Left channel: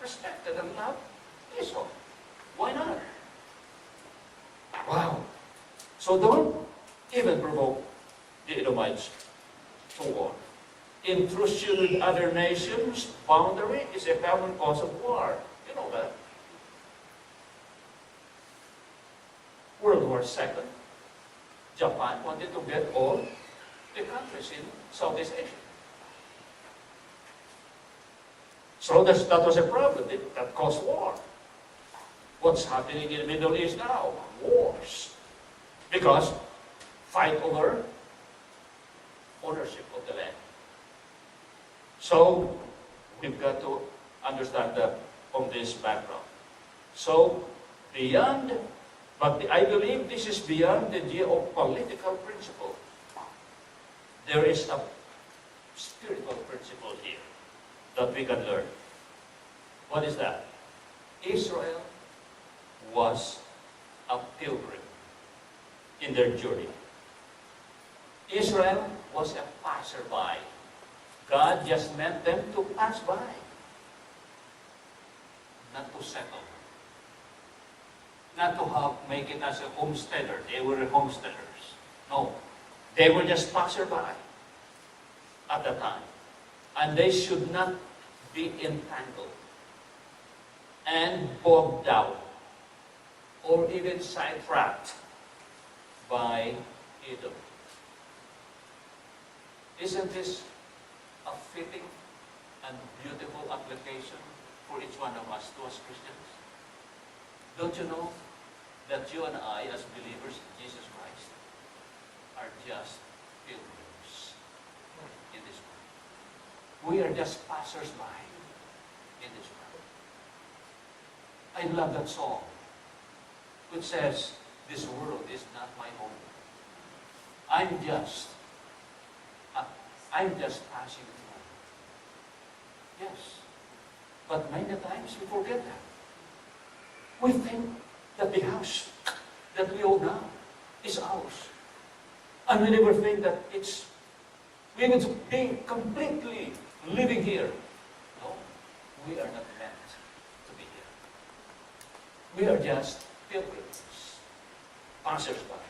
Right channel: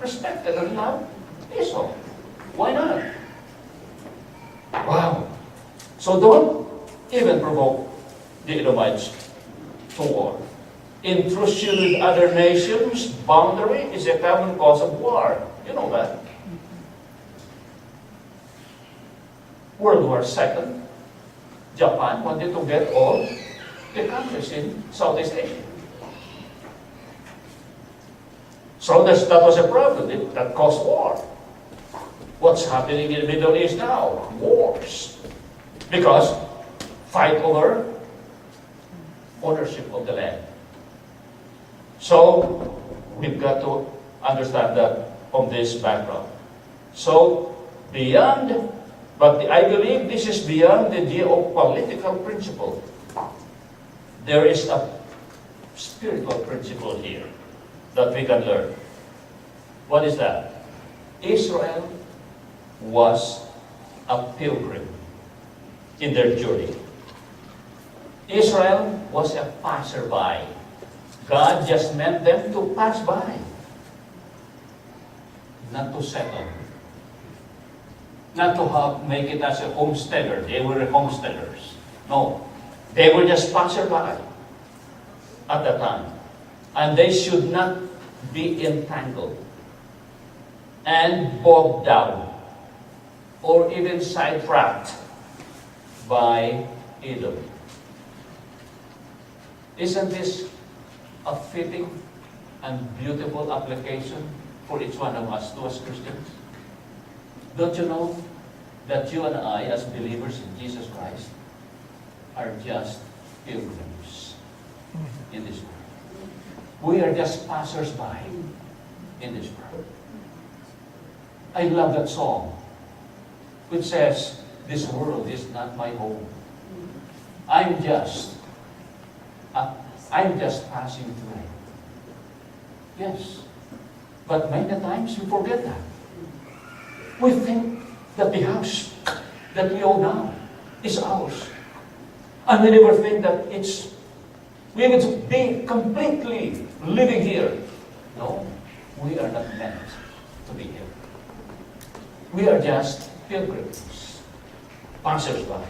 respected and loved Esau. Why not? Wow. So don't even provoke the Edomites to war. Intrusion with other nations' boundary is a common cause of war. You know that. World War II, Japan wanted to get all the countries in Southeast Asia. So that was a problem. That caused war. What's happening in the Middle East now? Wars. Because fight over ownership of the land. So we've got to understand that from this background. So beyond, but I believe this is beyond the geopolitical principle. There is a spiritual principle here that we can learn. What is that? Israel was a pilgrim in their journey. Israel was a passerby. God just meant them to pass by, not to settle, not to make it as a homesteader. They were homesteaders. No, they were just passerby at that time. And they should not be entangled and bogged down or even sidetracked by Edom. Isn't this a fitting and beautiful application for each one of us, to us Christians? Don't you know that you and I, as believers in Jesus Christ, are just pilgrims in this world? We are just passers-by in this world. I love that song which says, "This world is not my home. I'm just passing through." Yes. But many times we forget that. We think that the house that we own now is ours. And we never think that we would be completely living here. No, we are not meant to be here. We are just pilgrims, passers-by,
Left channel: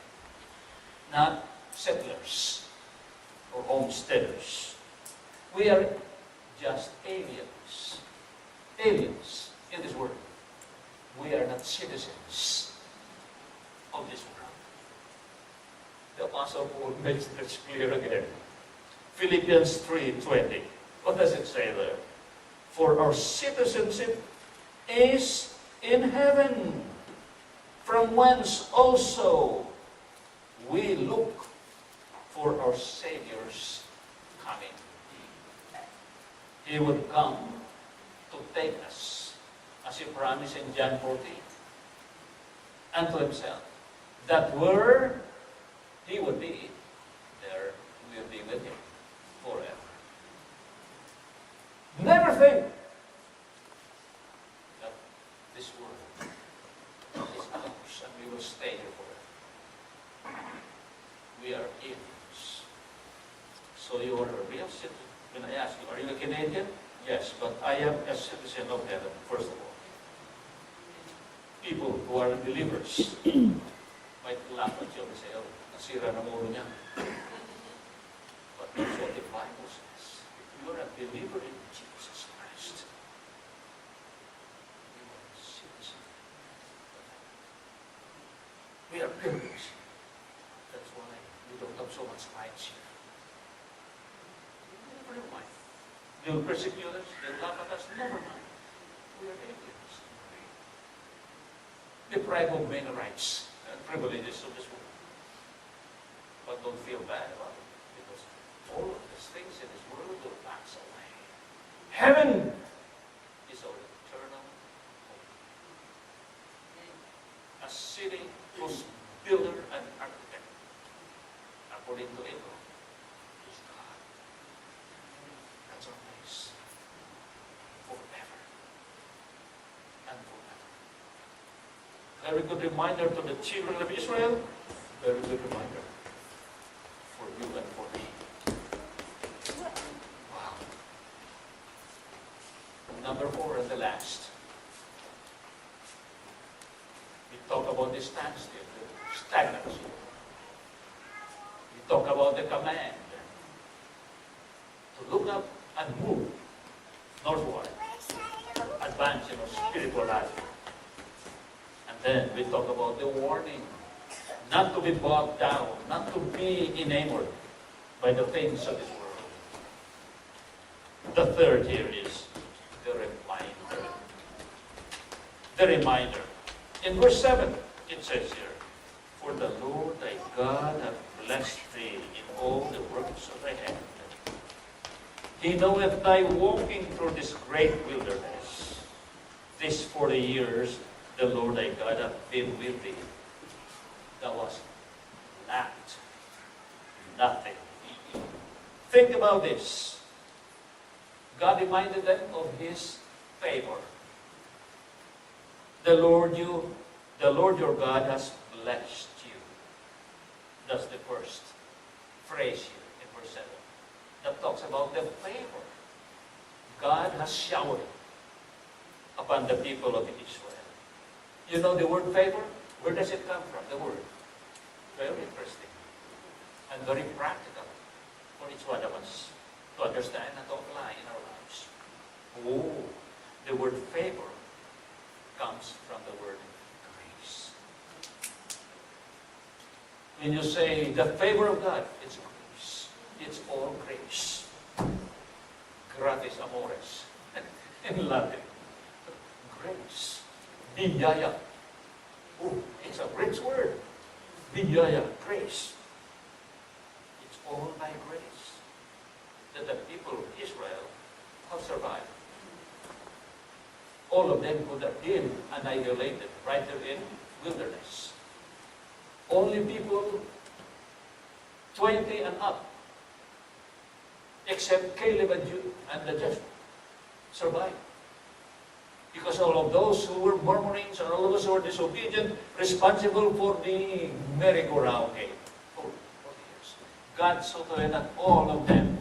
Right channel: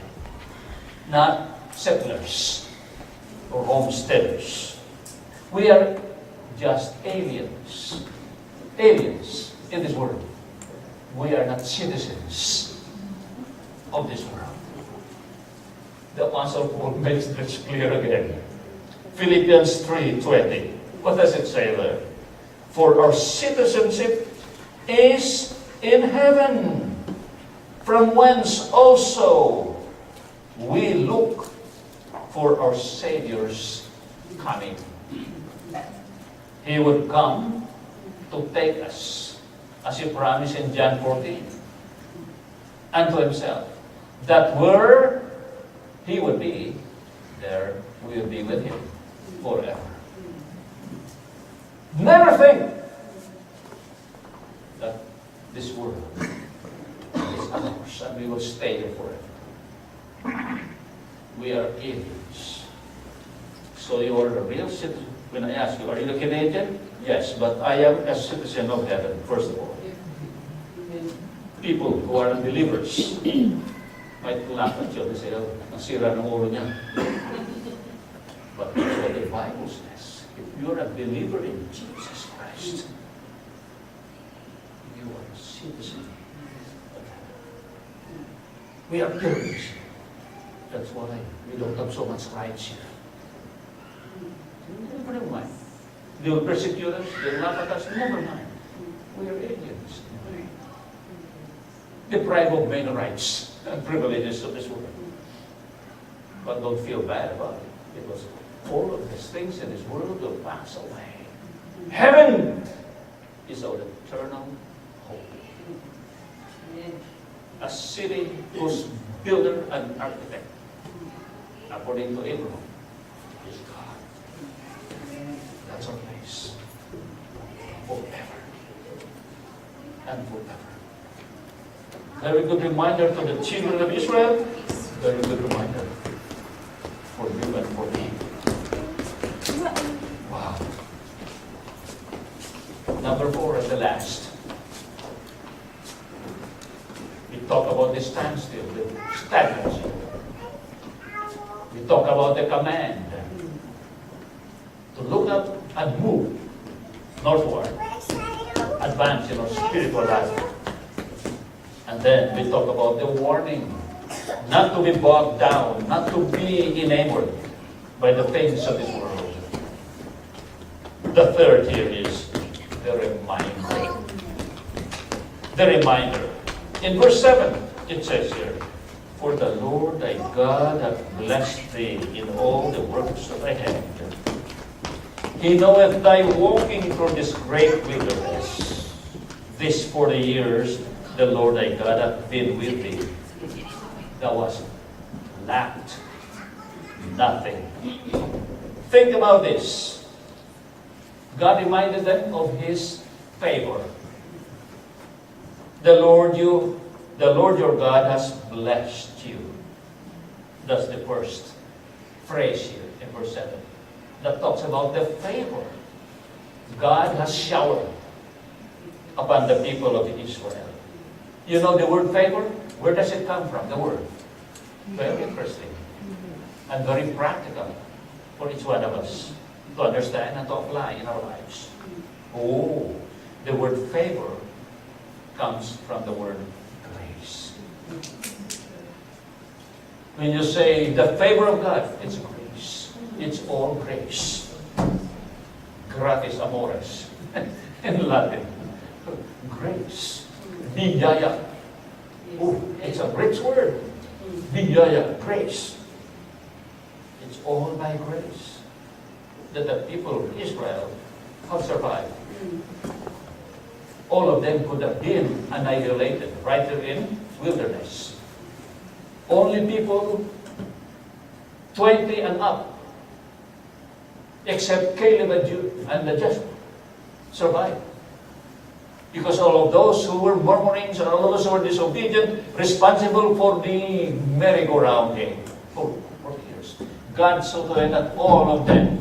not settlers or homesteaders. We are just aliens in this world. We are not citizens of this world. The Apostle Paul makes this clear again. Philippians 3:20. What does it say there? For our citizenship is in heaven, from whence also we look for our Savior's coming. He would come to take us, as He promised in John 14, unto Himself, that where He would be, there we will be with Him forever. Never think that this world is ours and we will stay here forever. We are aliens. So you are a real citizen. When I ask you, are you a Canadian? Yes, but I am a citizen of heaven, first of all. People who are unbelievers might laugh at you and say, "Oh, nasira ng ulo niya." But that's what the Bible says. If you're a believer in Jesus Christ, you are a citizen of heaven. We are pilgrims. That's why we don't have so much rights here. Never mind. They will persecute us, they will laugh at us, never mind. We are aliens. Deprived of many rights and privileges of this world. But don't feel bad about it, because all of these things in this world will pass away. Heaven is our eternal hope. A city whose builder and architect, according to Abraham, is God. That's our place. Forever and forever. Very good reminder to the children of Israel. Very good reminder for you and for me. Wow. Number 4 and the last. We talk about the standstill, the stagnancy. We talk about the command to look up and move northward, advance in our spiritual life. And then we talk about the warning, not to be bogged down, not to be enamored by the things of this world. The third here is the reminder. The reminder. In verse 7, it says here, "For the Lord thy God hath blessed thee in all the works of thy hand. He knoweth thy walking through this great wilderness. This 40 years the Lord thy God hath been with thee. Thou hast lacked nothing." Think about this. God reminded them of His favor. The Lord your God has blessed you. That's the first phrase here in verse 7. That talks about the favor God has showered upon the people of Israel. You know the word favor? Where does it come from, the word? Very interesting. And very practical for each one of us to understand and to apply in our lives. Oh, the word favor comes from the word grace. When you say the favor of God, it's grace. It's all grace. Gratis amores in Latin. Grace. Biyaya. Oh, it's a rich word. Biyaya, grace. It's all by grace that the people of Israel have survived. All of them could have been annihilated right there in wilderness. Only people 20 and up, except Caleb and Joshua, survived. Because all of those who were murmurings and all of those who were disobedient, responsible for the merry-go-round game for 40 years. God saw to it that all of them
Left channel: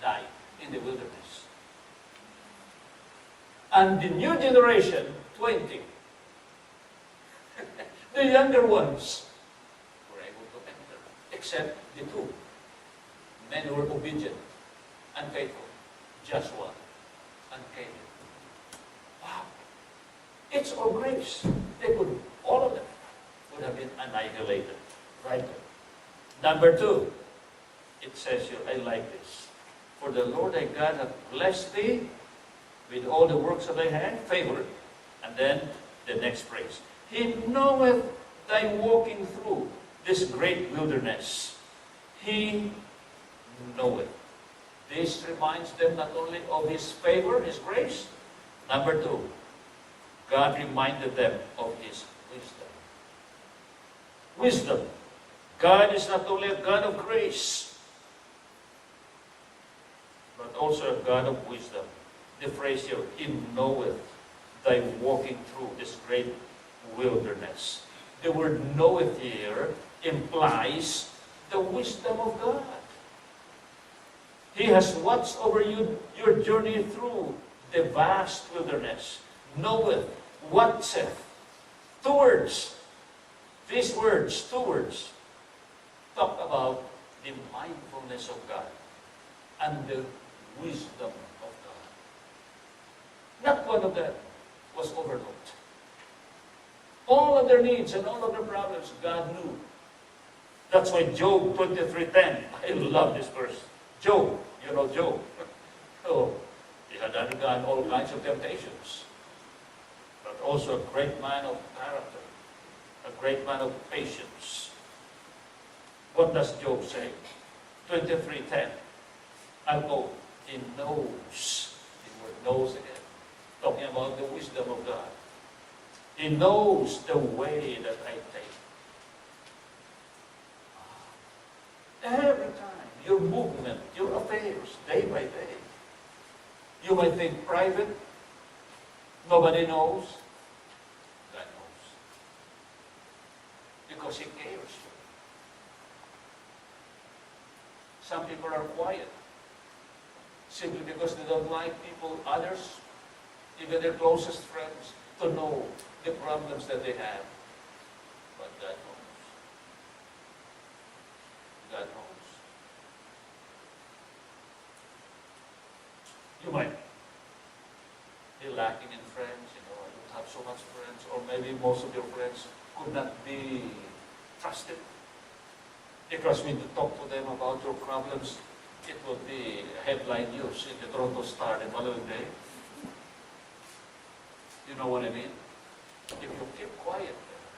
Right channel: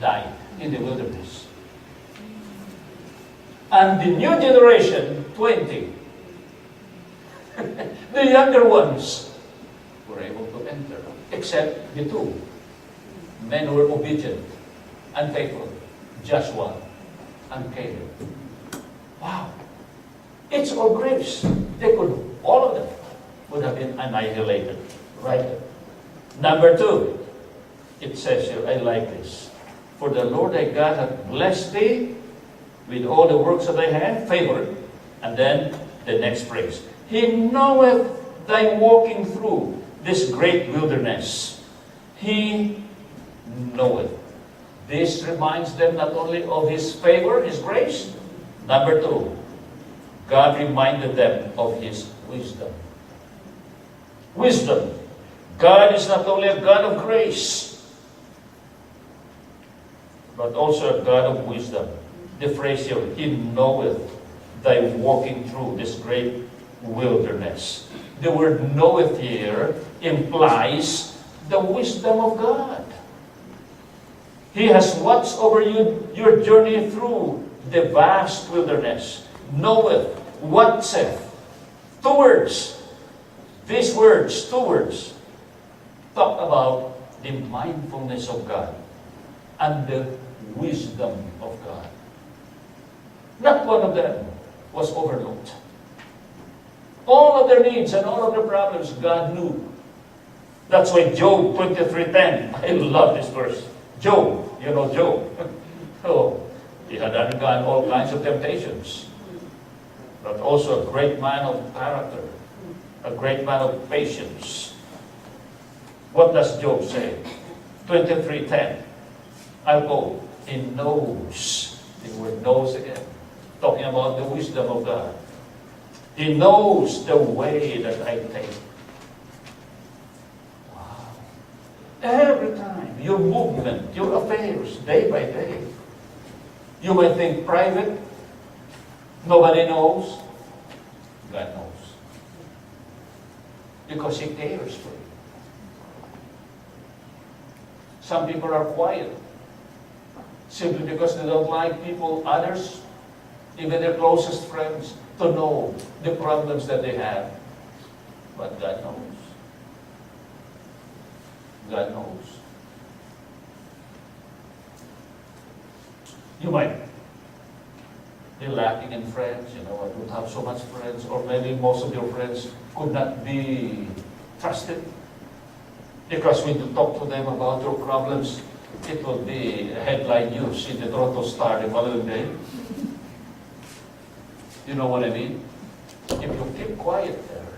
died in the wilderness. And the new generation, 20, the younger ones, were able to enter, except the two men who were obedient and faithful, Joshua and Caleb. Wow. It's all grace. All of them would have been annihilated right there. Number 2, it says here, I like this. "For the Lord thy God hath blessed thee with all the works of thy hand," favor. And then the next phrase, "He knoweth thy walking through this great wilderness." He knoweth. This reminds them not only of His favor, His grace. Number 2, God reminded them of His wisdom. Wisdom. God is not only a God of grace, but also a God of wisdom. The phrase here, "He knoweth thy walking through this great wilderness." The word knoweth here implies the wisdom of God. He has watched over you, your journey through the vast wilderness. Knoweth, watcheth. 2 words. These words, 2 words, talk about the mindfulness of God and the wisdom of God. Not one of them was overlooked. All of their needs and all of their problems, God knew. That's why Job 23:10, I love this verse. Job, you know Job. Oh, he had undergone all kinds of temptations, but also a great man of character, a great man of patience. What does Job say? 23:10. I'll go. He knows. The word knows again. Talking about the wisdom of God. He knows the way that I take. Wow. Every time, your movement, your affairs, day by day. You might think private, nobody knows. God knows. Because He cares for you. Some people are quiet simply because they don't like others even their closest friends, to know the problems that they have. But God knows. God knows. You might be lacking in friends, I don't have so much friends, or maybe most of your friends could not be trusted. Because when you talk to them about your problems, it will be headline news in the Toronto Star the following day. You know what I mean? If you keep quiet there,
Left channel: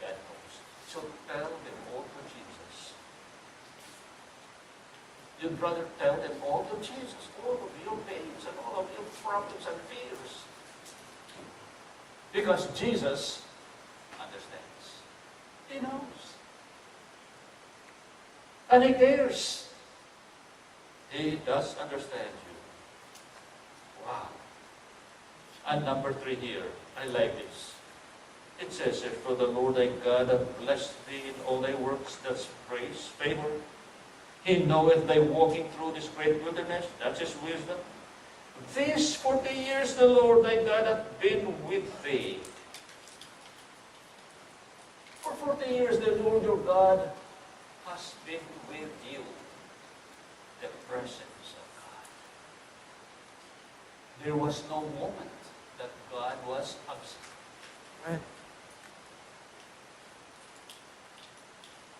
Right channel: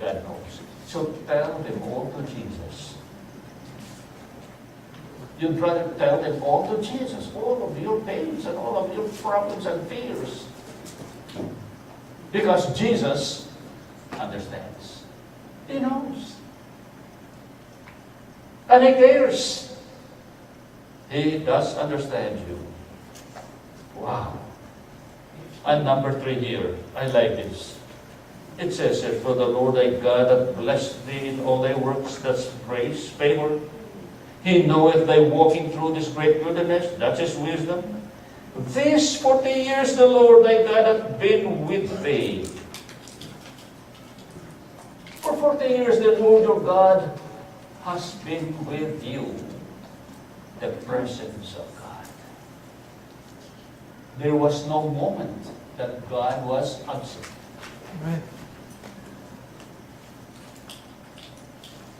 God knows. So tell them all to Jesus. You'd rather tell them all to Jesus, all of your pains and all of your problems and fears. Because Jesus understands. He knows. And He cares. He does understand you. Wow. And number 3 here, I like this. It says here, for the Lord thy God hath blessed thee in all thy works, that's praise, favor. He knoweth thy walking through this great wilderness, that's His wisdom. These 40 years the Lord thy God hath been with thee. For 40 years the Lord your God has been with you. The presence of God. There was no moment that God was absent.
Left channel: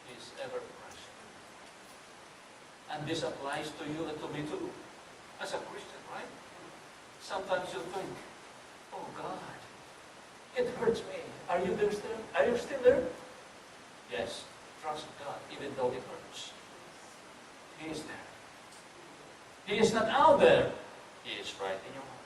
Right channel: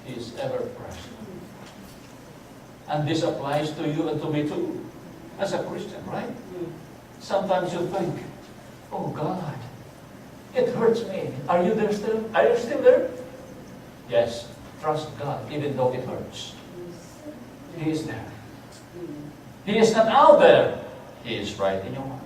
He is ever present. And this applies to you and to me too, as a Christian, right? Sometimes you think, oh God, it hurts me. Are you there still? Are you still there? Yes, trust God, even though it hurts. He is there. He is not out there. He is right in your heart.